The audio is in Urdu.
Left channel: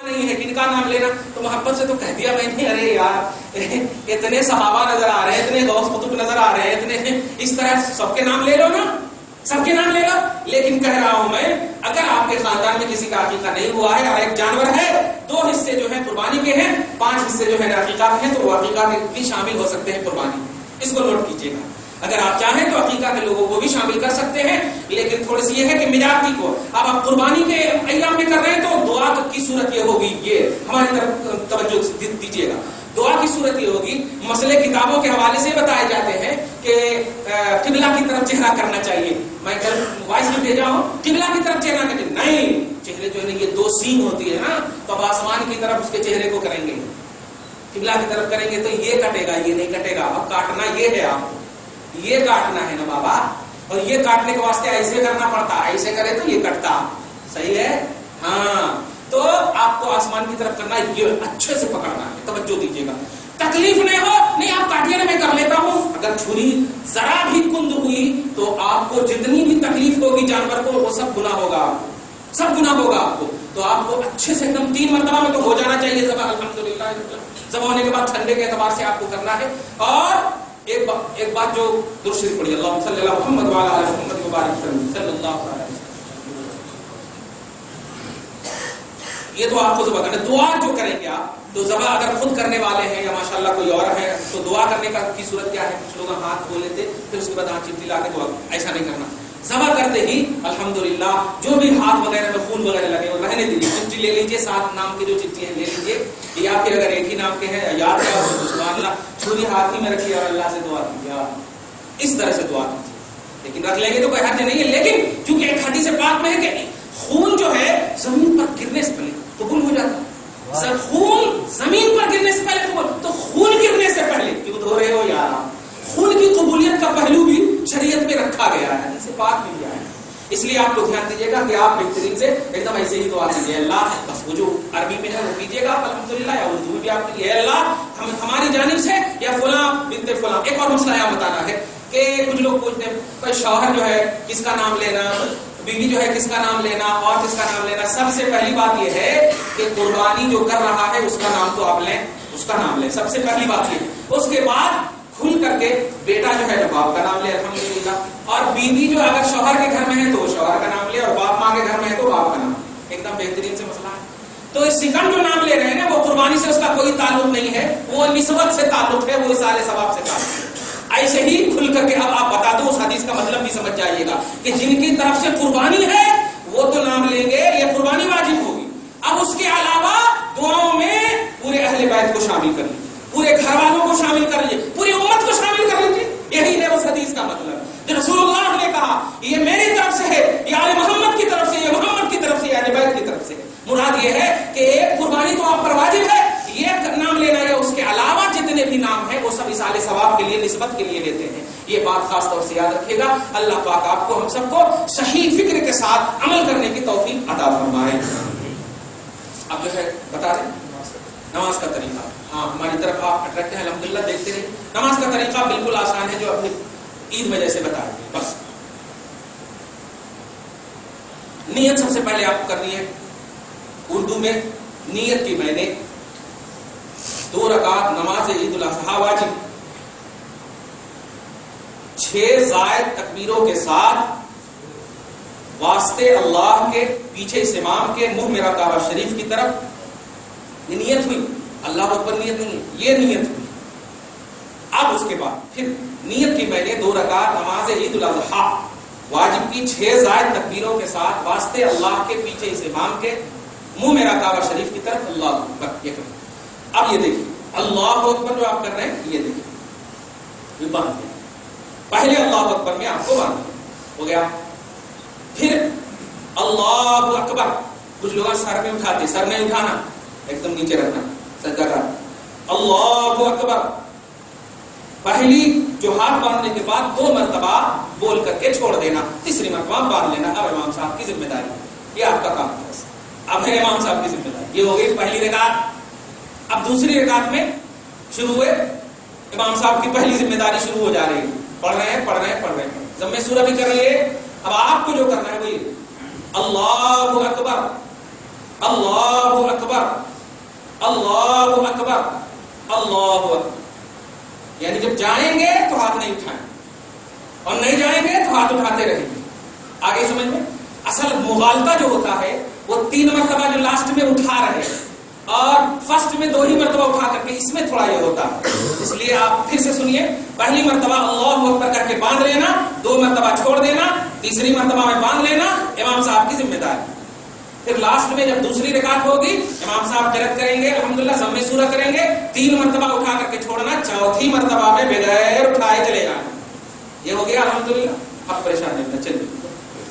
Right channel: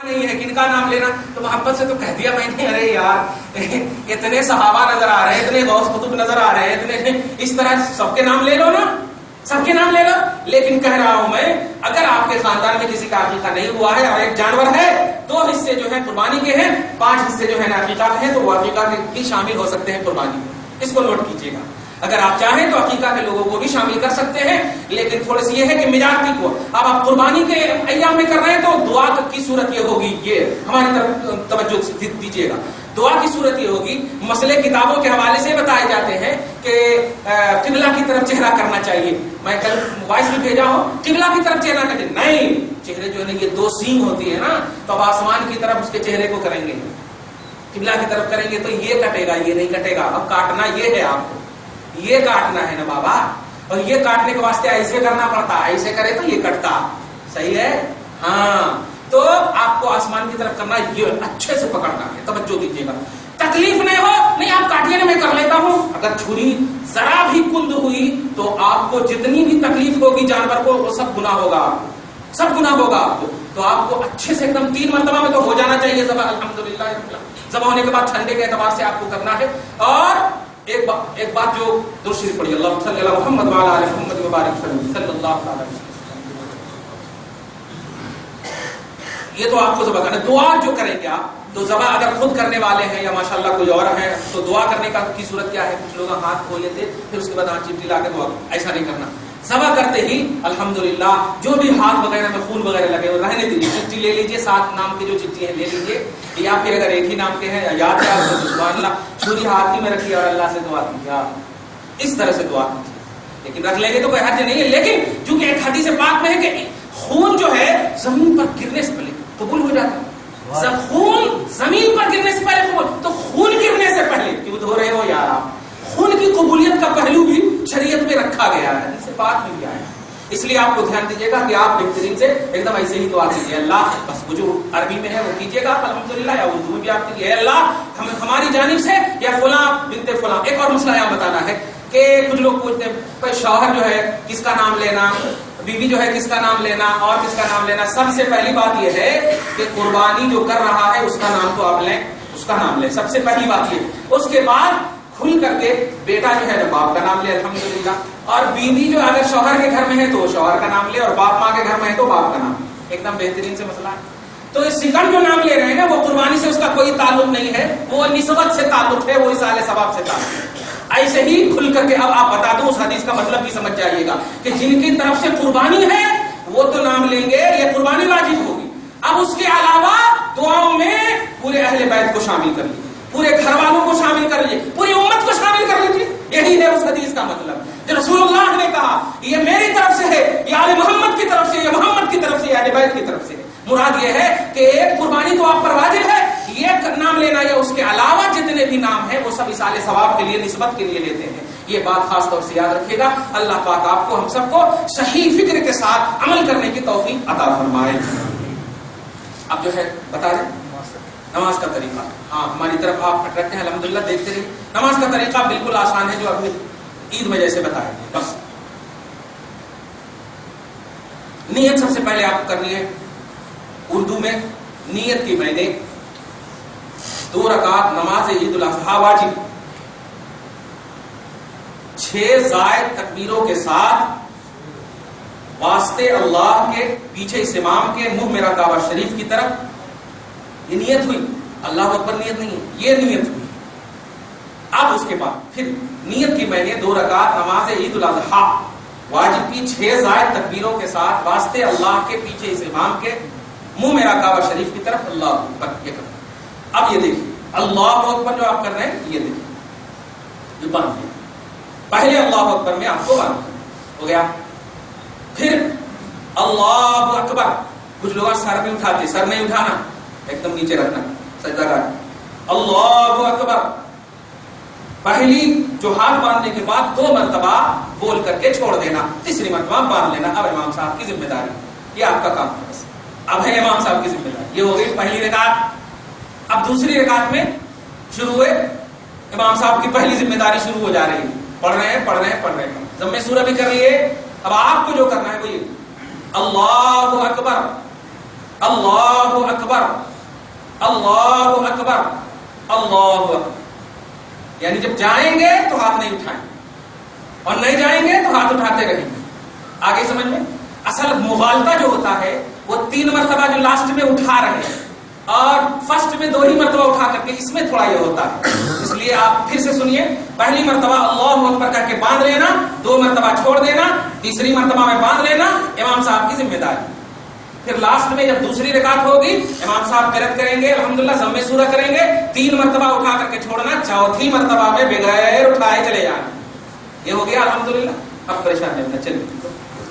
نہیں ہے کن کا نام لینا؟ تو محبت سے تو کہہ دیا میں نے، ارے یار اتنے صحابہ نظر آ رہے ہیں، اتنے غوث قطب نظر آ رہے ہیں، اتنے اس طرح سب کے نام لے لو نا، سب کے نام لے لو. لیکن کہہ رہا ہوں میں، اگر آپ کے خاندان میں کسی کا عقیقہ نہیں ہوا ہے اور ایک جانور ہے، 2 حصے جو ہیں قربانی کے ہیں، 5 حصے جو ہیں عقیقہ کے ہیں، تو وہ عقیقہ کے بھی شامل ہو سکتے ہیں قربانی. اس کو نوٹ کیجیے گا. اگر آپ چاہیں تو عقیقہ کے لوگوں کو بھی شامل کر سکتے ہیں، لیکن تھوڑی سی یہ ہے کہ ملاقاتی کو اب آپ قربانی کے ایام میں کر رہے ہیں تو دعا کی صورت یہ ہوگی، یہ ہماری طرف توجہ دیجیے گا. دعا کی صورت یہ ہوگی، مسئلے کتابوں کے حوالے سے بتائے جاتے ہیں کہ قبلہ کی طرف چہرہ کرنا چاہیے. میں کل وائس بھی بھیجا ہوں، قبلہ کی طرف چہرہ کریں، نہیں، چہرے جو ہے یہ 2 سین ہوتی ہے نا، تو اب آسمان کی طرف اس کے چہرے کو کریں گے، قبلہ کی طرف کریں گے تو یہ کٹے گا، یہ نہیں کٹے گا. اب کاٹنا یہ ہے، آپ کو یہ کاٹنا ہے نا بابا، اور یہ کاٹنے کے واسطے ایسے کرنا پڑتا، ایسے کرے تو یہ کٹتا. صحیح ہے؟ ہاں. تو آپ کو آسمان کی طرف کرنا، یہ اچھے سے پکڑنا ہے، توجہ دیجیے گا. تکلیف نہیں ہو، نہیں آپ کاٹیے نا، میں کر لیتا ہوں. اگر چھری ذرا بھی کند ہوئی تو آپ کو جتنی بھی تکلیف ہوگی جانور کو، وہ سب گناہ ہوگا، سب گناہ ہوگا آپ کو. تو آپ کو اچھے سے ایک دم 3 مرتبہ میں تو ہو جانا چاہیے ذبح. الحمدللہ ذبح ہونے کے بعد ٹھنڈے کے اعتبار سے آپ کو کرنا ہے. اور ایک بات جو درست شریف پڑھی، اللہ صلی اللہ محمد وعلی آل محمد مبارک صلی اللہ علیہ وسلم. یہ تو آپ کو ذبح کرنا. دعا جو کریں گے آپ، تو ذبح اگر خود کرنے والے ہیں یا ماشاءاللہ کوئی اور ہے تو دعا کرنے کی صورت کیا ہے؟ کچھ لوگ ہاتھ کھول لیتے پھر اس کے بعد ہاتھ چپٹی لا کے دعا، ایسا نہیں کرنا. ذبح کرتے ہی الحمدللہ جو بھی ہاتھ وغیرہ میں خون وغیرہ لگے وہ رہنے دیجیے. چٹھی لے لیجیے، 7 نام کی جو چٹھی ہے لے لیجیے، یا پھر اگر ایک ہی نام کے ہیں یاد ہے سبحان اللہ، چھری ہاتھ ہی میں رکھیے اور اللہ سے دعا کیجیے. اس طرح سے دعا کیجیے. لیکن رکھ لیں گے تو کوئی حرج نہیں ہے. لیکن چونکہ ایک حدیث پاک میں ہے کہ خون جو ہے زمین پر گرنے سے پہلے قبول ہو جاتا ہے. خون زمین پر گرنے سے پہلے قبول، تو خون گرنے سے پہلے کیوں دھو رہے ہو یار آپ؟ خون کی قبولیت کا پہلو بھی شریعت میں رکھا گیا ہے، اس سے بات مل گیا ہے. اس لیے آپ کو دھیان دیجیے گا کہ آپ بہترین سے ایک دم ایسے ہی دعا کیجیے. اللہ بس وہ جو عربی میں ہے وہ کیجیے گا الحمدللہ، یا اردو میں بھی آپ کیجیے، اللہ ہماری جانب سے یا فلاں بنت فلاں. ایک اور مسئلہ یہاں بتانا ہے کہ کچھ لوگ پوچھتے ہیں بھائی شوہر جو ہے کس کا نام لینا، بیوی جو ہے کس کا نام لینا، اور کس کا نام لینا. سب سے پہلی بات یہ ہے کہ قربانی جو کر رہا ہے اس کا نام تو آپ لیں، اس کا نام لیں، سب سے پہلی بات یہ. اس کے بعد کھل کر کے بیٹا جو ہے باپ کا نام لے الحمدللہ، اور بیوی جو اگر شوہر کے گھر میں ہے تو شوہر کا نام لے، اور باپ ماں کے گھر میں ہے تو باپ کا نام. ایک دم بہترین سے مسئلہ ہے. تو اس سیکنڈ جو نام لے رہے ہیں نا وہ قربانی سے اس کا کوئی تعلق نہیں ہے، وہ نسبت سے تعلق ہے، وہ اصالہ ثواب سے تعلق ہے. ایسے ہی کھل کر کے اب آپ بتا دو، اس حدیث کا مطلب بھی سمجھ جائیے گا کہ جن کی طرف سے قربانی ہے وہ تو نام لیں گے، یہ قربانی واجب ہوگی. اب اس کے علاوہ دعاؤں میں پورے اہل بیت کو شامل کر لیجیے، پورے گھر والوں کو شامل کر لیجیے، پوری امت کو شامل کر لیجیے. یہی ہے اس حدیث کا مطلب. جو رسول اللہ نے کہا یہ میری طرف سے ہے، یہ آل محمد کی طرف سے، یہ محمد کی طرف سے، یہ اہل بیت کی طرف سے. مراد یہ ہے کہ ایک قربانی تو آپ پر واجب ہے، یہ نام لینا یا اس کے علاوہ جتنے بھی نام ہیں وہ سب اصالہ ثواب کے لیے، نسبت کے لیے لیتے ہیں. یہ بات خاص طور سے یاد رکھیے گا. اللہ پاک آپ کو ہم سب کو صحیح فکر کے ساتھ عمل کرنے کی توفیق عطا فرمائے. اب جو ہے بتا دیں نماز کا طریقہ. ہاں ہماری طرف آپ اٹریکٹ ہیں الحمدللہ، دیکھتے رہیے. نماز کا طریقہ بالکل آسان ہے جو ابھی عید میں جیسے بتائیں گے. بس نیت سب سے پہلے آپ کو کرنی ہے. اردو میں نیت کی میں نے 2 رکعت نماز عید الاضحیٰ واجب 6 زائد تکبیروں کے ساتھ واسطے اللہ کے پیچھے اس امام کے منہ میرا کعبہ شریف کی طرف، یہ نیت ہوئی. اللہ اکبر نیت نہیں ہے، یہ نیت ہوئی. اب اس کے بعد پھر نیت کی میں نے 2 رکعت نماز عید الاضحیٰ واجب کی 6 زائد تکبیروں کے ساتھ واسطے اللہ کے پیچھے اس امام کے منہ میرا کعبہ شریف کی طرف. اللہ اکبر یہ کرنا. اب یہ دیکھیے اللہ اکبر جو آپ کر رہے ہیں، یہ دیکھیے یہ باندھ دیں. پہلے اللہ اکبر میں آپ کو باندھ ہو گیا. پھر اللہ اکبر، کچھ لوگ سر نہیں اٹھاتے، سر نہیں اٹھانا، ایک دم نیچے رکھنا، سجدہ کر. اللہ اکبر پہلی جو ہاتھ باندھنے کے بعد 2 مرتبہ بول کر کے چھوڑ دینا، تیسری مرتبہ باندھ لینا. اب امام صاحب کی ذمہ داری، یہ آپ کا کام ہے. اب ہے امام صاحب کی ذمہ داری. یہ ہو گئی پہلی رکعت. اب دوسری رکعت میں شروع ہوئے، امام صاحب کی پہلی ذمہ داری شروع ہو جا رہی ہے. پڑھ رہے ہیں. ضم سورہ بھی کر رہی ہے. اب آپ کو جو کرنا ہے وہ یہ اللہ اکبر اللہ اکبر اللہ اکبر اللہ اکبر، یعنی جب جائیں گے تو ہاتھ نہیں اٹھائیں اور نہیں جائیں گے تو ہاتھ اٹھاتے رہیں گے. آگے سمجھ میں اصل مغالطہ جو ہوتا ہے وہ 3 مرتبہ جو لاسٹ میں اٹھا رہے ہیں اور فرسٹ میں 2 ہی مرتبہ اٹھا کر کے، اس میں تھوڑا یہ ہوتا ہے. اس لیے آپ پھر سے سنیے، پہلی مرتبہ اللہ اکبر کر کے باندھ لینا، 2 مرتبہ چھوڑ دینا، تیسری مرتبہ میں باندھ لینا، امام صاحب کی ذمہ داری. پھر لاسٹ میں جب دوسری رکعت ہوگی امام صاحب قرأت کریں گے، الحمدللہ ضم سورہ کریں گے، 3 مرتبہ اٹھا کر کے چھوڑنا، چوتھی مرتبہ میں بغیر اٹھائے چلے جانا. یہ ہو گیا الحمدللہ. اب پریشان نہیں ہونا. چلیے